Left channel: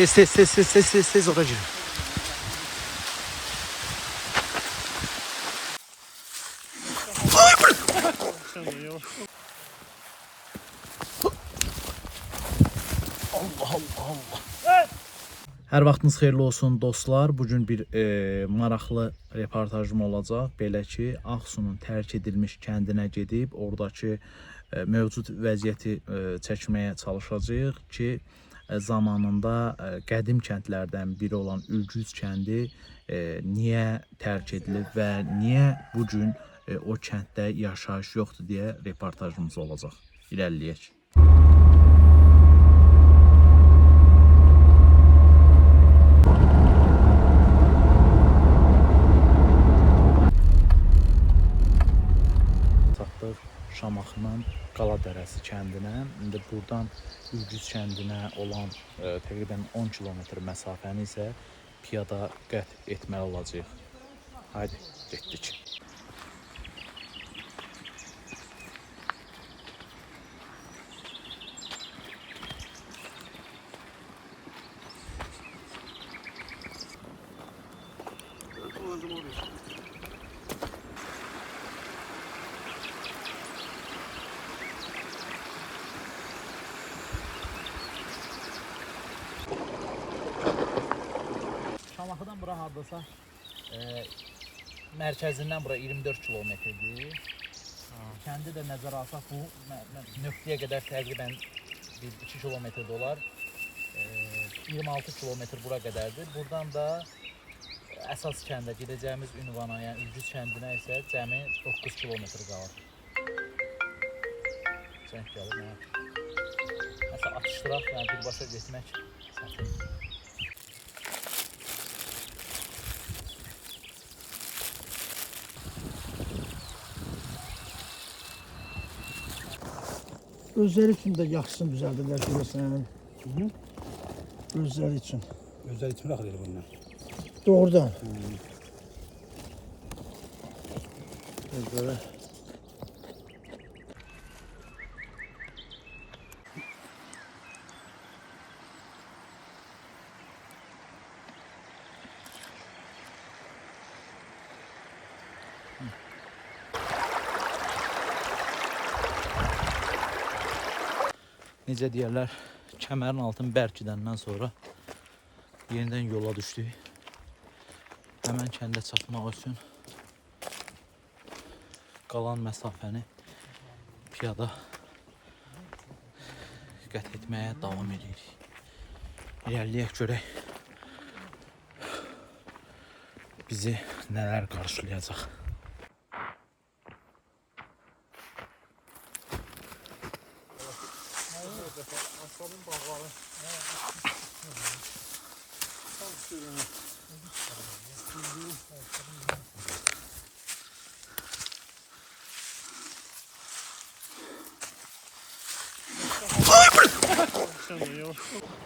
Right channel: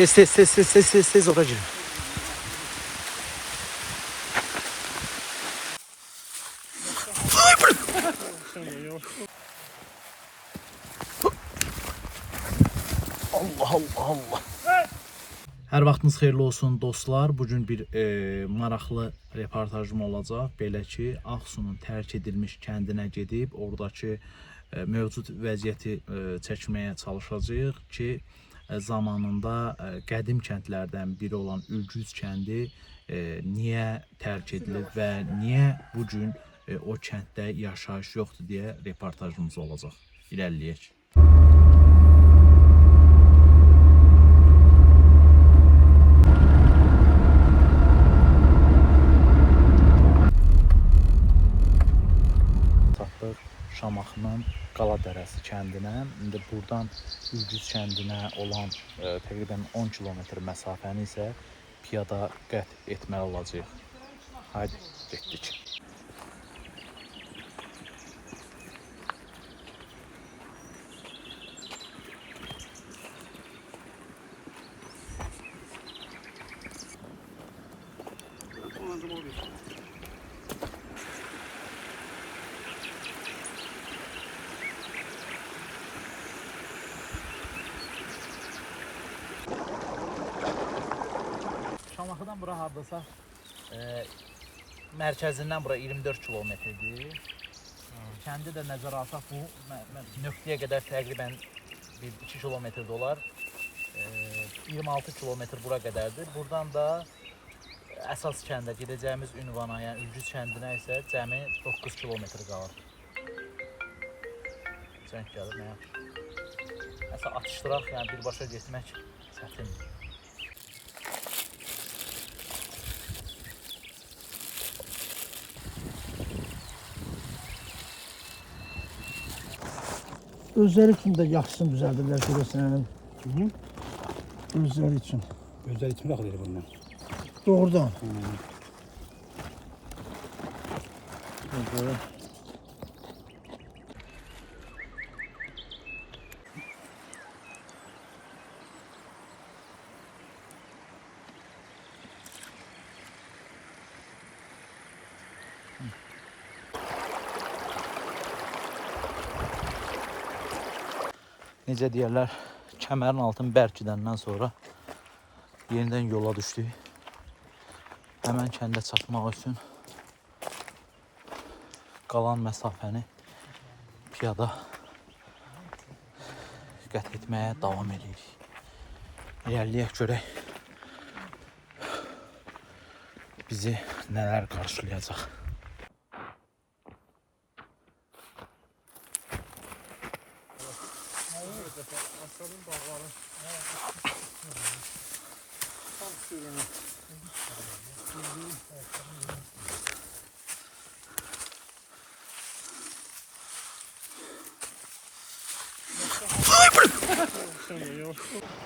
Tez ora girin. Allah. Hər vaxtınız xeyirli olsun dostlar. Bugün bir maraqlı reportajım olacaq. Belə ki, Ağsunun tərk edilmiş kəndinə gedib oradakı mövcud vəziyyəti çəkməyə çalışacağıq ki, zamanında qədim kəndlərdən biri olan Ülgüz kəndi niyə tərk edilib və niyə bugün o kənddə yaşayış yoxdur deyə reportajımız olacaq. İlerləyək. Şamaxının Qala Dərəsi kəndinə, indi buradan Ülgüz kəndinə olan təqribən 10 kilometr məsafəni isə piyada qət etməli olacağıq. Haydi, getdik. Şamaxıdan bura hardasa mərkəzindən bura 24 kilometrdir. Kəndi də nəzərə alsaq bu nöqtəyə qədər təqribən 1-2 kilometrdə olar. 26 kilometr bura qədərdir. Buradan da əsas kəndə gedəcəyimiz ünvana, yəni Ülgüz kəndinə isə cəmi 9 kilometr qalır. Zəng gəlir, nə yaxşı. Nəsə atışdıraq, yəni birbaşa getmək çətindir. Özləri üçün də yaxşısını düzəldirlər görəsən. Özləri üçün. Özləri üçün baxır elə bundan. Doğrudan. Özləri. Necə deyərlər, kəmərin altını bərk edəndən sonra yenidən yola düşdük. Həmən kəndə çatmaq üçün qalan məsafəni piyada qət etməyə davam edirik. İlerləyək görək bizi nələr qarşılayacaq. Aslanın bağları. Tam sürünü.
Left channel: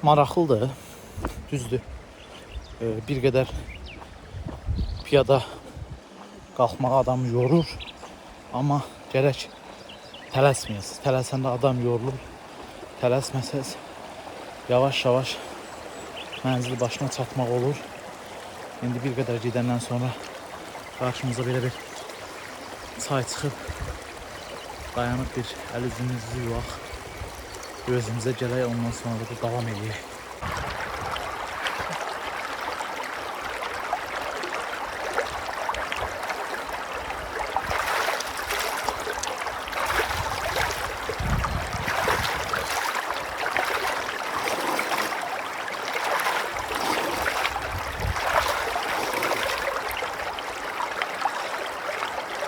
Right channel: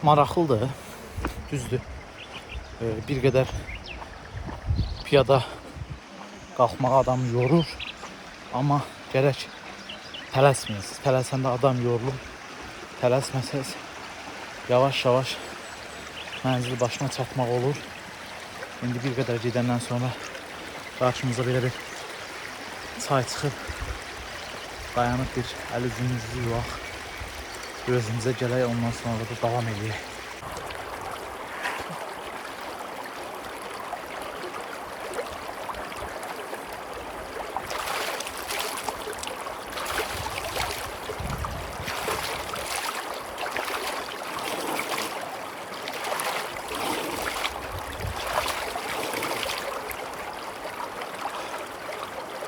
Maraqlıdır, düzdür. Bir qədər piyada qalxmağa adam yorur, amma gərək tələsməyəsiniz. Tələsəndə adam yorulur. Tələsməsəz yavaş-yavaş mənzil başına çatmaq olur. İndi bir qədər gedəndən sonra qarşımıza belə bir çay çıxıb dayanıb bir əl üzümüzü yuvaq, özümüzə gələk, ondan sonra da davam edək.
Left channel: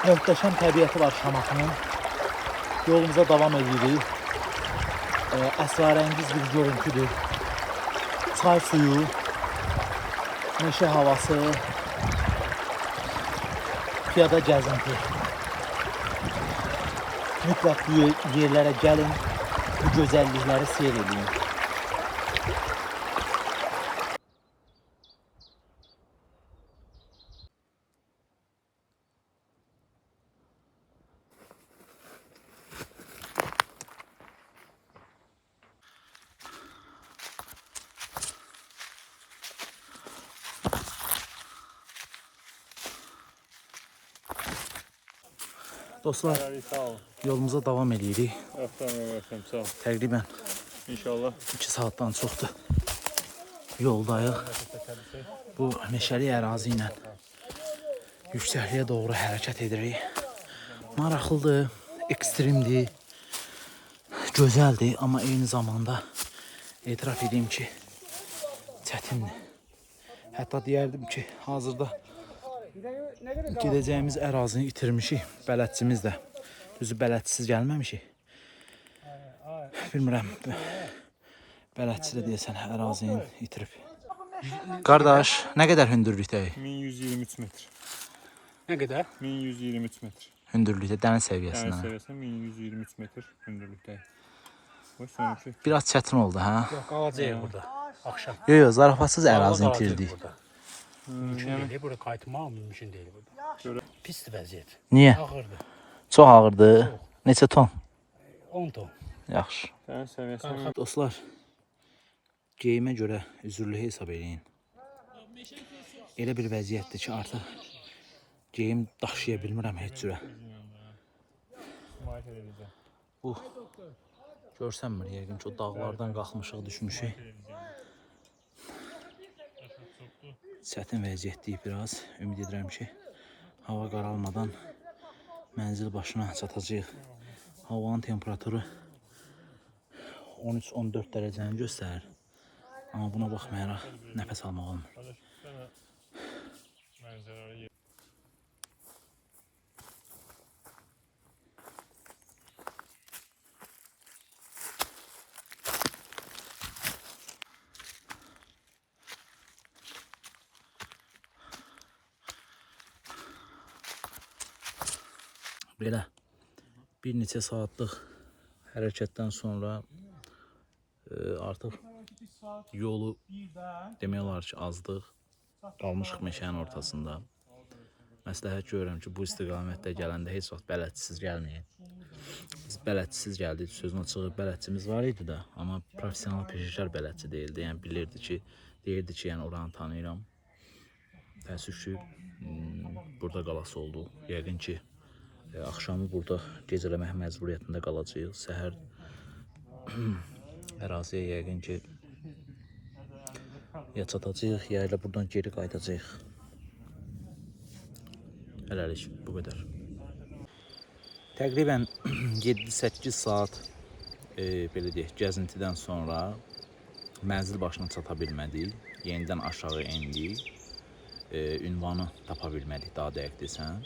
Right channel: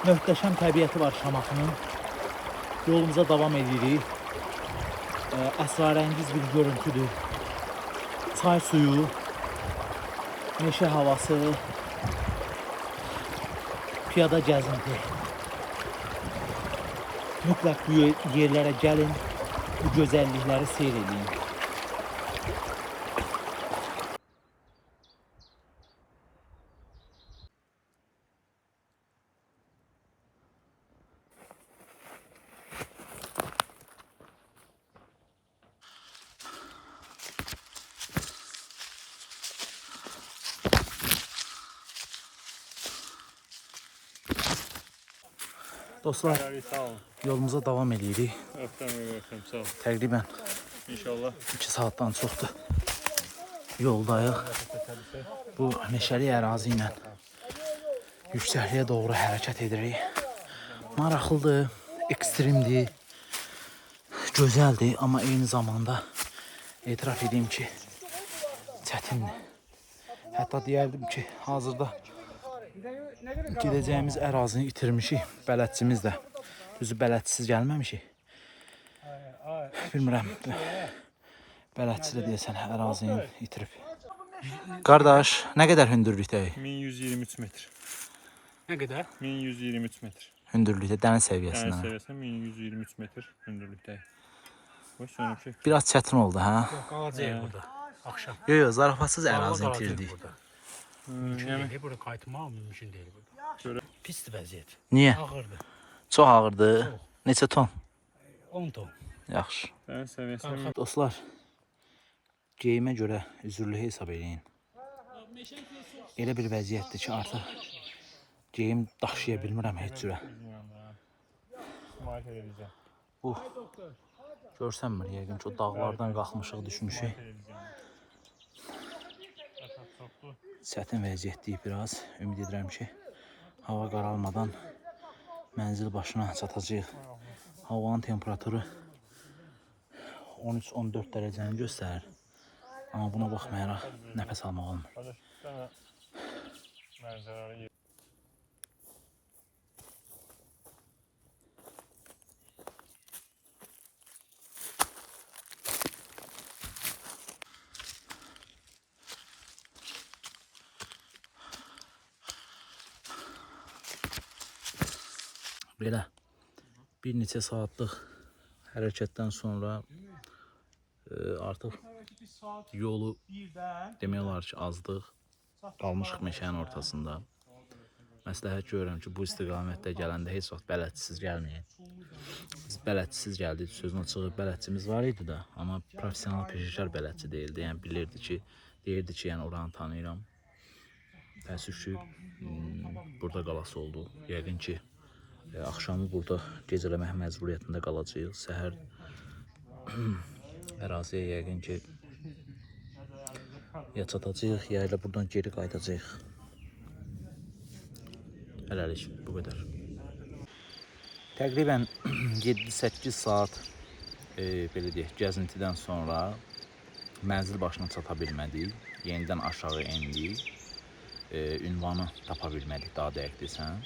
Möhtəşəm təbiəti var Şamaxının. Yolumuza davam edirik. Əsrarəngiz bir görüntüdür. Çay suyu, meşə havası, piyada gəzinti. Mütləq bu yerlərə gəlin, bu gözəllikləri seyr edin. Dostlar, Sağ olun. yolumuza davam edirik. Öpürəm, sağ olun. Təqribən İnşallah. 2 saatdan çoxdur. Yoldayıq. Bu meşəli ərazi ilə yüksəkliyə doğru hərəkət edirik. Maraqlıdır, ekstremdir, gözəldir, amma eyni zamanda etiraf edeyim ki, çətindir. Hətta deyərdim ki, hazırda gedəcəyimiz ərazini itirmişik, bələdçimiz də. Düzü bələdçisiz gəlməmişik. Bilmirəm, bələdçi də deyəsən ərazini itirib. Qardaş, nə qədər hündürlükdəyik? 1123 metr. Ne kadar? 1123 metr. Hündürlükdə, dəniz Dəniz səviyyəsindən. səviyyəsində 1123 metr hündürlükdəyik. Bu sonraki Biraz çətin oldu, hə? Kalacağız burada. Akşam. Yox, yox, zarafatsız ərazini itirdik. Mümkün değil. Burada kaytma mümkün değil burada. Pisli vəziyyət. Niyə? Ağırdı. Çox ağırdı. Neçə ton? 10 ton. Yaxşı. dəniz səviyyəsində Dostlar, geyimə görə üzürlü hesab edin. Elə bir vəziyyətdir ki, artıq geyim daşıya bilmirəm heç cürə. müayinə edəcəm. Bu görsənmir yəqin ki, o dağlardan qalxmışıq, düşmüşük. Çətin vəziyyətdir biraz. Ümid edirəm ki, hava qaralmadan mənzil başına çatacağıq. Havanın temperaturu 13-14 dərəcəni göstərir. Amma buna baxmayaraq nəfəs almaq olmur. Mənzərəli Belə bir neçə saatlıq hərəkətdən sonra artıq yolu demək olar ki, azdıq. Qalmışıq meşənin ortasında. Məsləhət görürəm ki, bu istiqamətdə gələndə heç vaxt bələdçisiz gəlməyin. Biz bələdçisiz gəldik, sözün açığı bələdçimiz var idi də, amma professional peşəkar bələdçi deyildi. Yəni bilirdi ki, deyirdi ki, yəni oranı tanıyıram. Təəssüf ki, burada qalası oldu. Yəqin ki, axşamı burada gecələmək məcburiyyətində qalacağıq. Səhər əraziyə yəqin ki, ya çatacağıq, ya ilə buradan geri qayıdacağıq. Hələlik bu qədər. Təqribən 7-8 saat belə deyək, gəzintidən sonra mənzil başına çata bilmədik. Yenidən aşağı endik. Ünvanı tapa bilmədik, daha dəqiq desəm.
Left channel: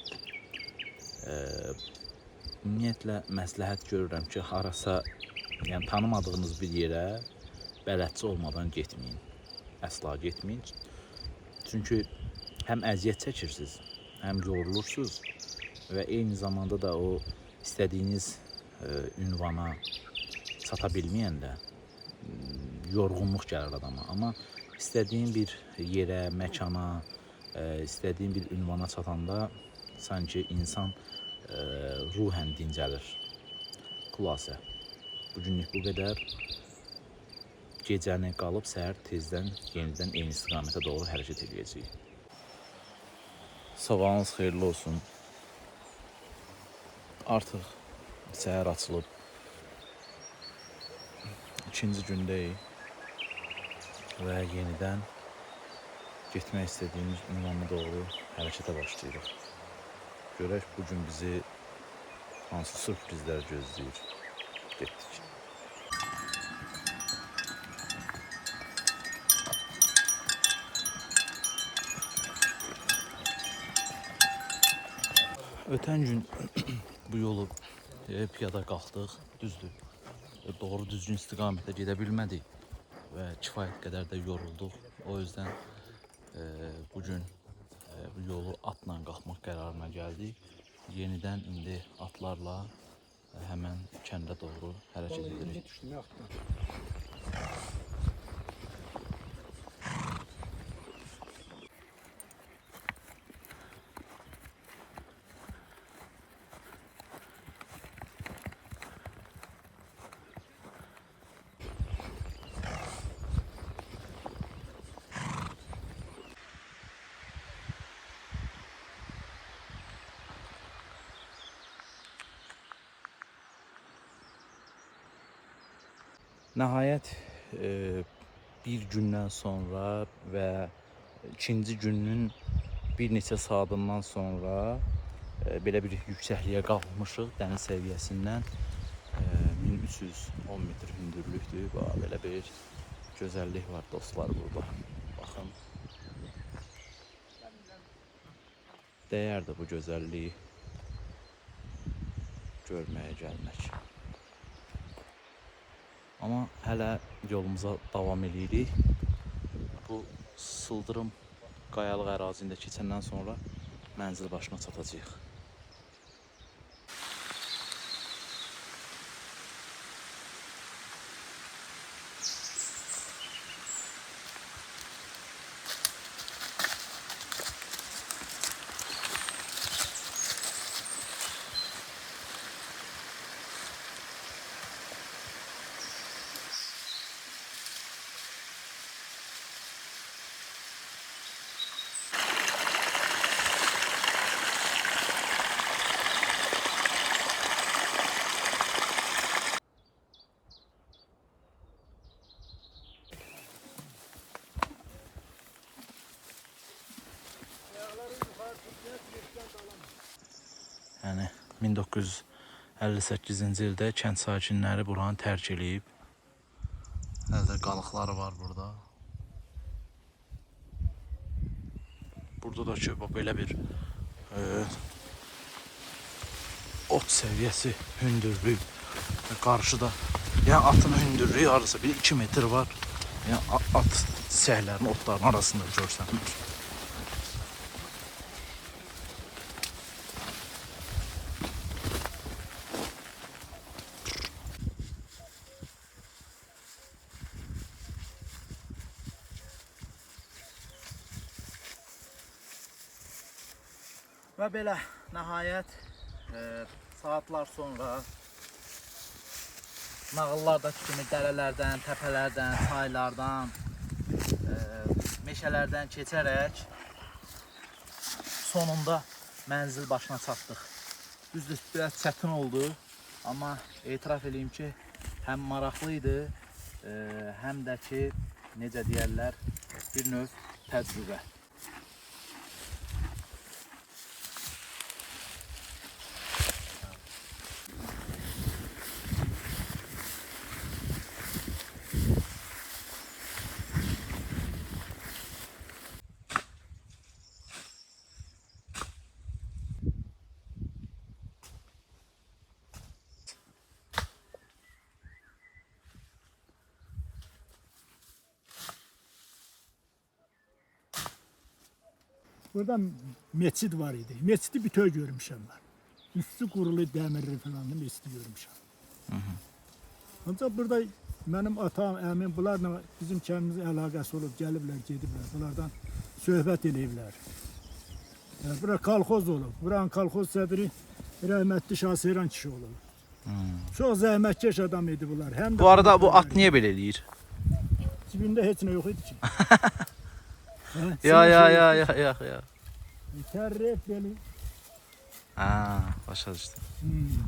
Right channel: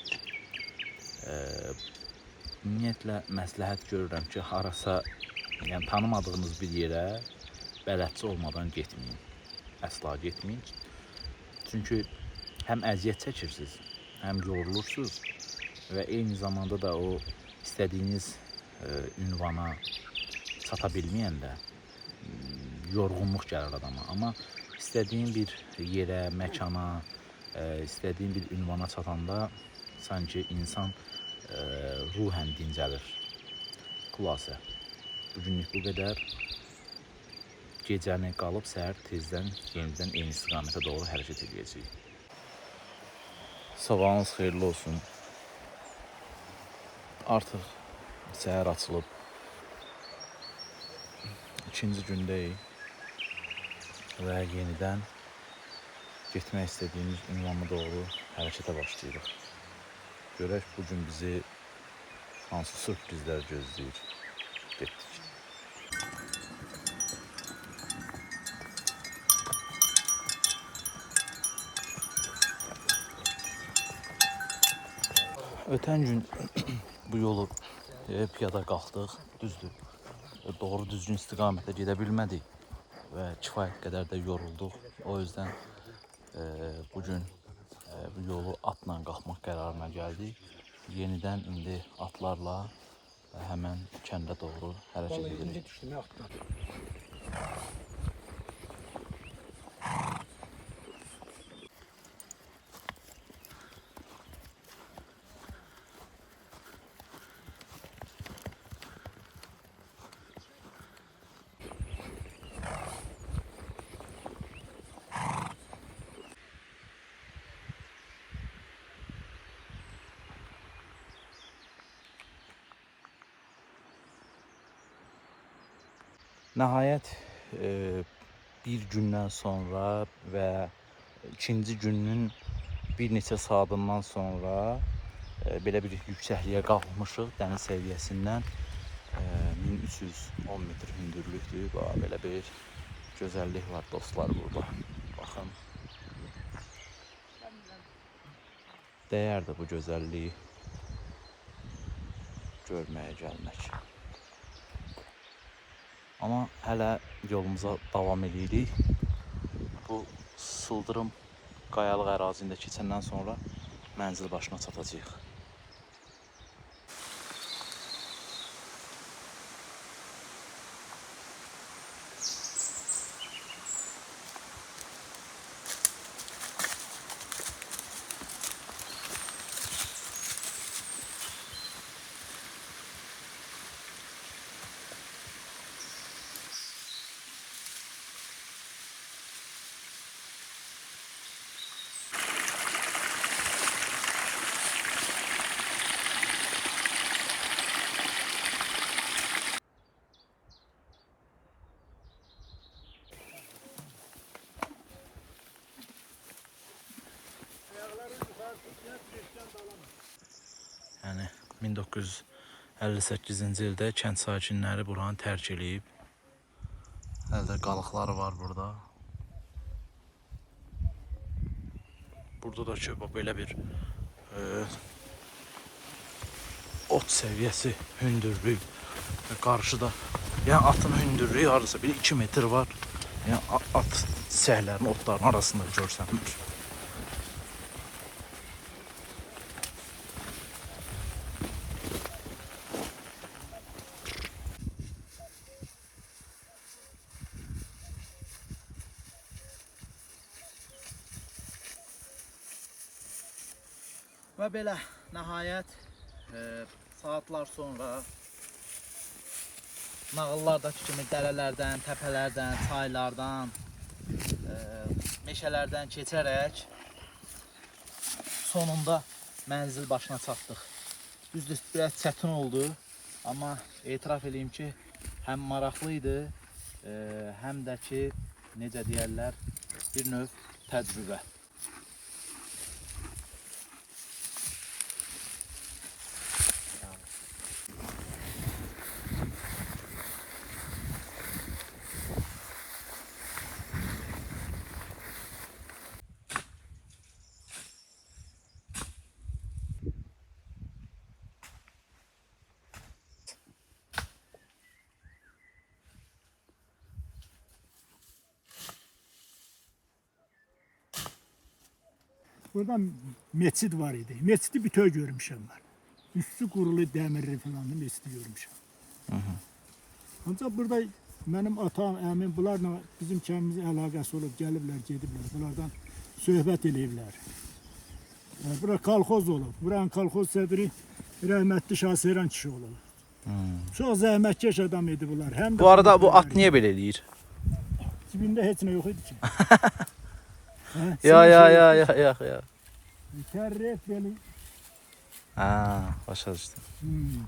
Ümumiyyətlə məsləhət görürəm ki, harasa yəni tanımadığınız bir yerə bələdçi olmadan getməyin. Əsla getməyin. Çünki həm əziyyət çəkirsiniz, həm yorulursunuz və eyni zamanda da o istədiyiniz ünvana çata bilməyəndə yorğunluq gəlir adama. Amma istədiyin bir yerə, məkana, istədiyin bir ünvana çatanda sanki insan ruhən dincəlir. Xülasə, bugünlük bu qədər. Gecəni qalıb səhər tezdən yenidən eyni istiqamətə doğru hərəkət edəcəyik. Sabahınız xeyirli olsun. Artıq səhər açılıb. İkinci gündəyik və yenidən getmək istədiyimiz ünvana doğru hərəkətə başlayırıq. Görək bugün bizi hansı sürprizlər gözləyir. Getdik. Ötən gün bu yolu piyada qalxdıq, düzdür. Doğru düzgün istiqamətə gedə bilmədik və kifayət qədər də yorulduq. O yüzden bugün bu yolu atla qalxmaq qərarına gəldik. Yenidən indi atlarla həmən kəndə doğru hərəkət edirik. Nəhayət bir gündən sonra və ikinci günün bir neçə saatından sonra belə bir yüksəkliyə qalxmışıq dəniz səviyyəsindən. 1310 metr hündürlükdür. Bax, belə bir gözəllik var dostlar burada. Baxın. Dəyərdir bu gözəlliyi görməyə gəlmək. Amma hələ yolumuza davam edirik. Bu sıldırım qayalıq ərazində keçəndən sonra mənzil başına çatacağıq. Yəni 1958-ci ildə kənd sakinləri buranı tərk edib. Hələ də qalıqları var burada. Burada da ki, belə bir ot səviyyəsi, hündürlük və qarşıda. Yəni atın hündürlüyü arası 1-2 metr var. Yəni at səhlərin, otların arasında görsənir. Və belə nəhayət saatlar sonra nağıllardakı kimi dərələrdən, təpələrdən, çaylardan, meşələrdən keçərək sonunda mənzil başına çatdıq. Düzdür, biraz çətin oldu, amma etiraf edeyim ki, həm maraqlı idi, həm də ki, necə deyərlər, bir növ təcrübə. Burada meçid var idi. Meçidi bütöv görmüşəm mən. Üstü qurulu dəmirli falan da meçidi görmüşəm. Ancaq burada mənim atam, əmim bunlarla bizim kəndimizin əlaqəsi olub, gəliblər, gediblər. Bunlardan söhbət eləyiblər. Bura kolxoz olub. Buranın kolxoz sədri rəhmətli Şahseyran kişi olub. Çox zəhmətkeş adam idi bunlar. Həm Bu arada bu at niyə belə eləyir? Cibində heç nə yox idi ki. Ya. Tərrif belə. Başa düşdüm.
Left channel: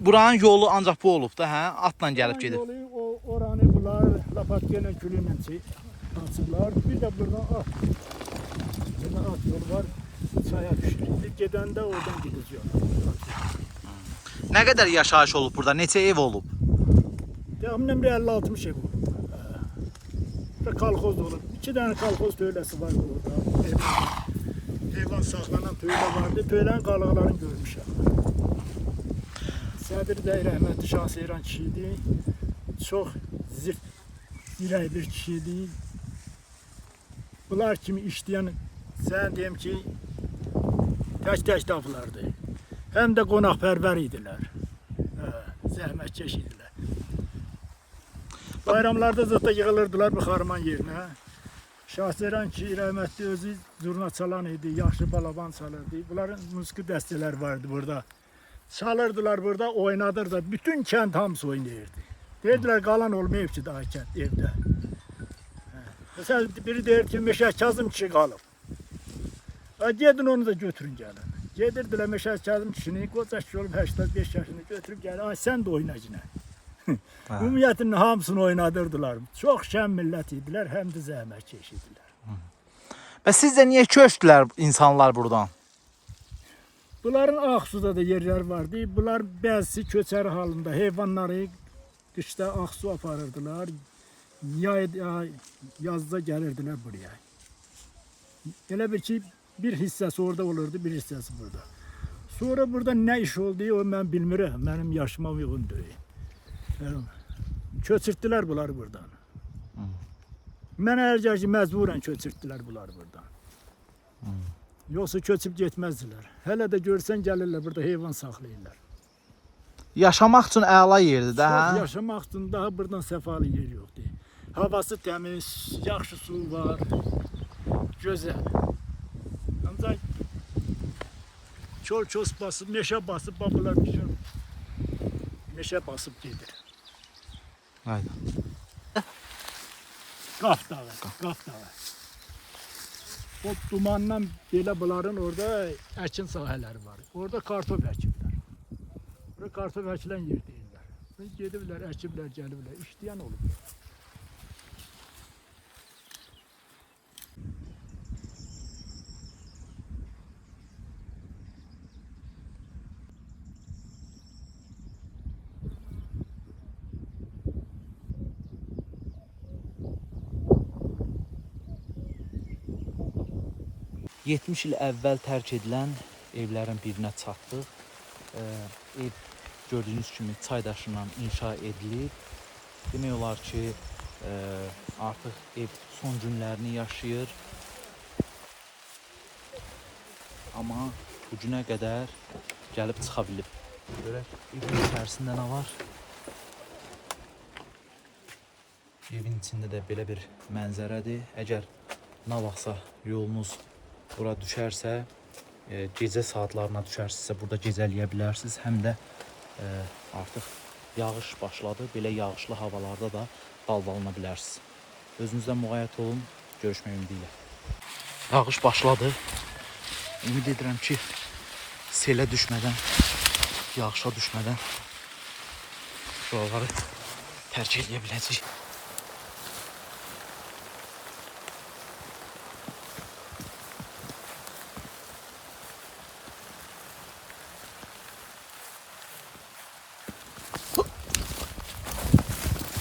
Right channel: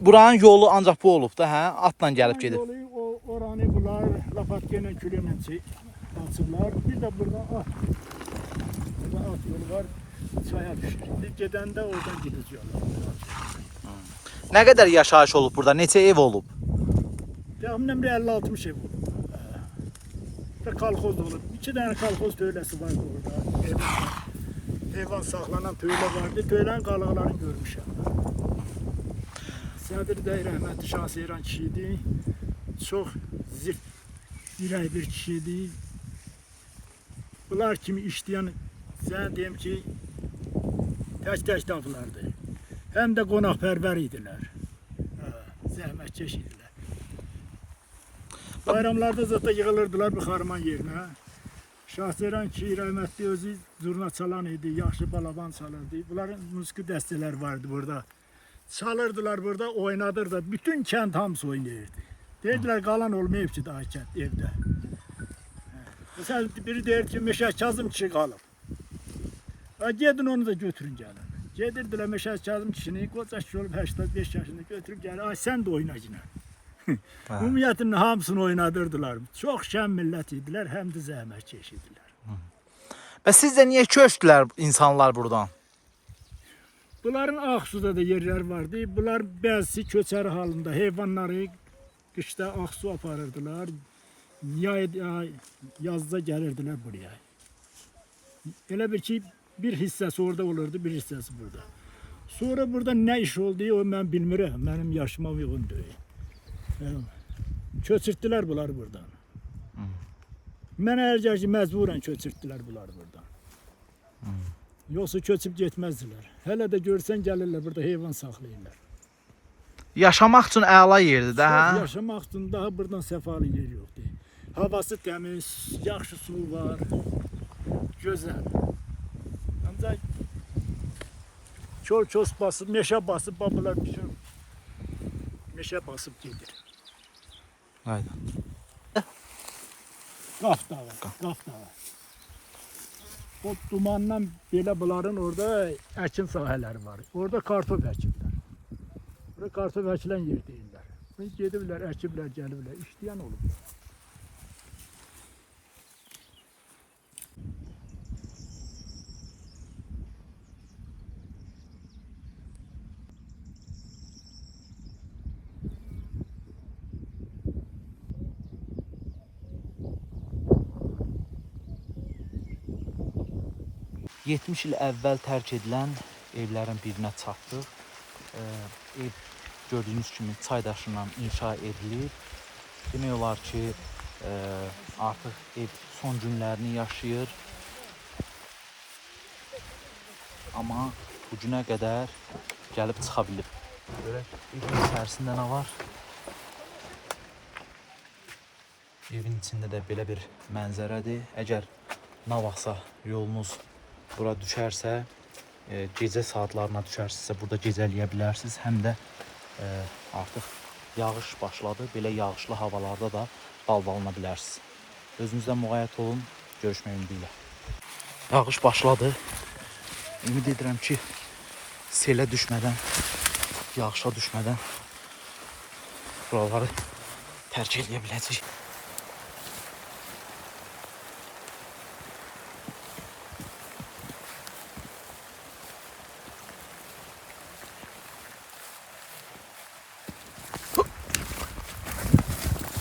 Buranın yolu ancaq bu olub da, hə? Atla gəlib gedir. Oranı bunlar lapatka ilə külünlə açıblar. Bir də burada at. Burada at yolu var. Çaya düşür. İndi gedəndə oradan gidəcək. Nə qədər yaşayış olub burada? Neçə ev olub? Təxminən bir 50-60 ev olub. Bir kolxoz olub. 2 dənə kolxoz töyləsi vardı orada. Heyvan saxlanan töylə vardı. Töylənin qalıqlarını görmüşəm. Sədr də rəhmətli Şahseyran kişi idi. Çox zirt, dirək bir kişi idi. Bunlar kimi işləyən, sən deyim ki, tək tapılardı. Həm də qonaqpərvər idilər. Zəhmətkeş idilər. Bayramlarda zətdə yığılırdılar bu xarman yerinə. Şahseyran ki, rəhmətli özü zurna çalan idi, yaxşı balaban çalırdı. Bunların musiqi dəstələri vardı burada. Çalırdılar burada, oynadırdı. Bütün kənd hamısı oynayırdı. Deyirdiler qalan olmayıb ki, daha kənd evdə. Mesela biri deyir ki, Meşə Kazım kişi qalıb. Gedin onu da götürün gəlin. Gedirdilər Meşə Kazım kişini, qoca kişi olub 85 yaşında götürüb gəlin. Ay sən də oyna yine. Ümumiyyətlə hamısını oynadırdılar. Çox şən millət idilər, həm də zəhmətkeş idilər. Və sizcə niyə köçdülər insanlar buradan? Bunların Ağsuda da yerlər vardı. Bunlar bəzisi köçər halında heyvanları qışda Ağsu aparırdılar. Yazda gəlirdilər buraya. Elə bir ki, bir hissəsi orada olurdu, bir hissəsi burada. Sonra burada nə iş oldu, o mən bilmirəm. Mənim yaşıma uyğun deyil. Yəni, köçürtdülər bunları buradan. Mən ərgər ki, məcburən köçürtdülər bunları buradan. Yoxsa köçüb getməzdilər. Hələ də görsən gəlirlər, burada heyvan saxlayırlar. Yaşamaq üçün əla yerdir də, hə? Yaşamaq üçün daha buradan səfalı yer yoxdur. Havası təmiz, yaxşı su var, gözəl. Ancaq çol-ços basıb, meşə basıb, babalar bütün meşə basıb gedir. Hayda. Qaf dağı, qaf dağı. O dumandan belə bunların orada əkin sahələri var. Orada kartof əkiblər. Orada kartof əkilən yer deyirlər. Gediblər, əkiblər, gəliblər, işləyən olublar. Ee, 70 il əvvəl tərk edilən evlərin birinə çatdıq. Ev gördüyünüz kimi çay daşından inşa edilib. Demək olar ki, artıq ev son günlərini yaşayır. Amma bu günə qədər gəlib çıxa bilib. Görək, evin içərisində nə var? Evin içində də belə bir mənzərədir. Əgər nə vaxtsa yolunuz bura düşərsə, gecə saatlarına düşərsinizsə burada gecələyə bilərsiniz. Həm də artıq yağış başladı. Belə yağışlı havalarda da dalbalana bilərsiniz. Özünüzdən müğayət olun. Görüşmək ümidi ilə. Yağış başladı. Ümid edirəm ki, selə düşmədən, yağışa düşmədən buraları tərk edə biləcək.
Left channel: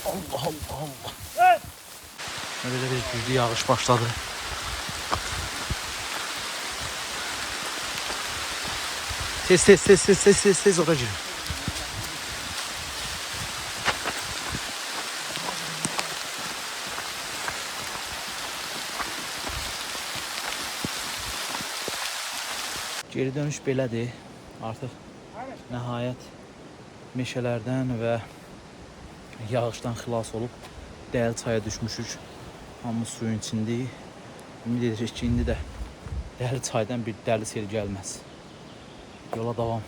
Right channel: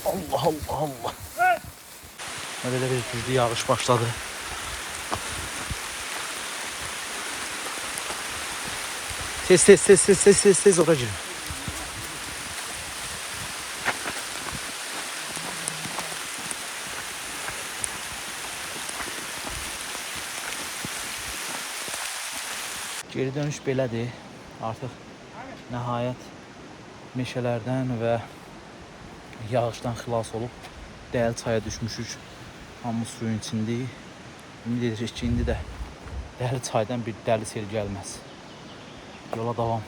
Allah Allah Allah. Böyle bir güçlü yağış başladı. Tez ora girin. Geri dönüş belədir. Artıq nəhayət meşələrdən və yağışdan xilas olub dəli çaya düşmüşük. Hamımız suyun içindəyik. Ümid edirik ki, indi də dəli çaydan bir dəli sel gəlməz. Yola davam.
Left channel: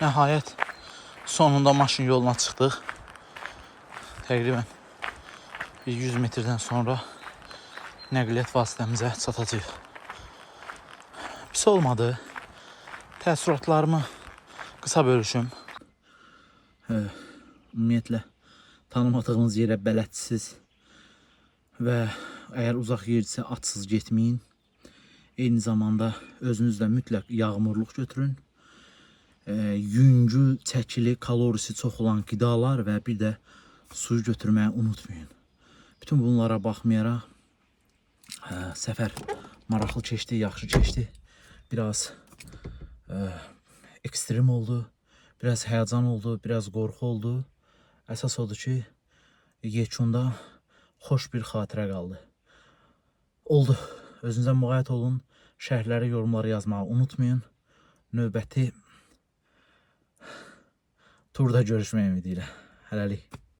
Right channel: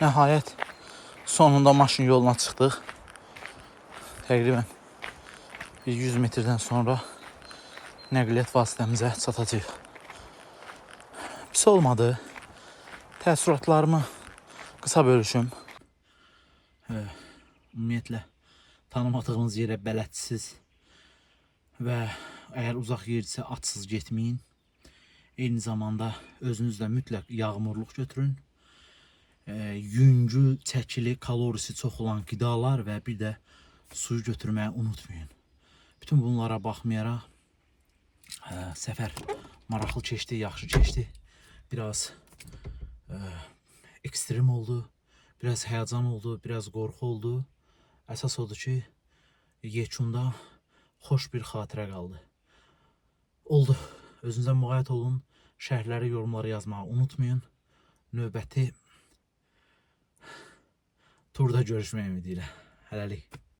Nəhayət sonunda maşın yoluna çıxdıq. Təqribən 100 metrdən sonra nəqliyyat vasitəmizə çatacağıq. Pis olmadı. Təəssüratlarımı qısa bölüşüm. Ümumiyyətlə tanımadığınız yerə bələdsiz və əgər uzaq yerdirsə atsız getməyin. Eyni zamanda özünüzlə mütləq yağmurluq götürün. Yüngül, çəkili, kalorisi çox olan qidalar və bir də suyu götürməyi unutmayın. Bütün bunlara baxmayaraq səfər maraqlı keçdi, yaxşı keçdi. Biraz ekstrem oldu, biraz həyəcan oldu, biraz qorxu oldu. Əsas odur ki, yekunda xoş bir xatirə qaldı. Oldu. Özünüzə müğayət olun. Şərhləri, yorumları yazmağı unutmayın. Növbəti turda görüşmək ümidi ilə. Hələlik.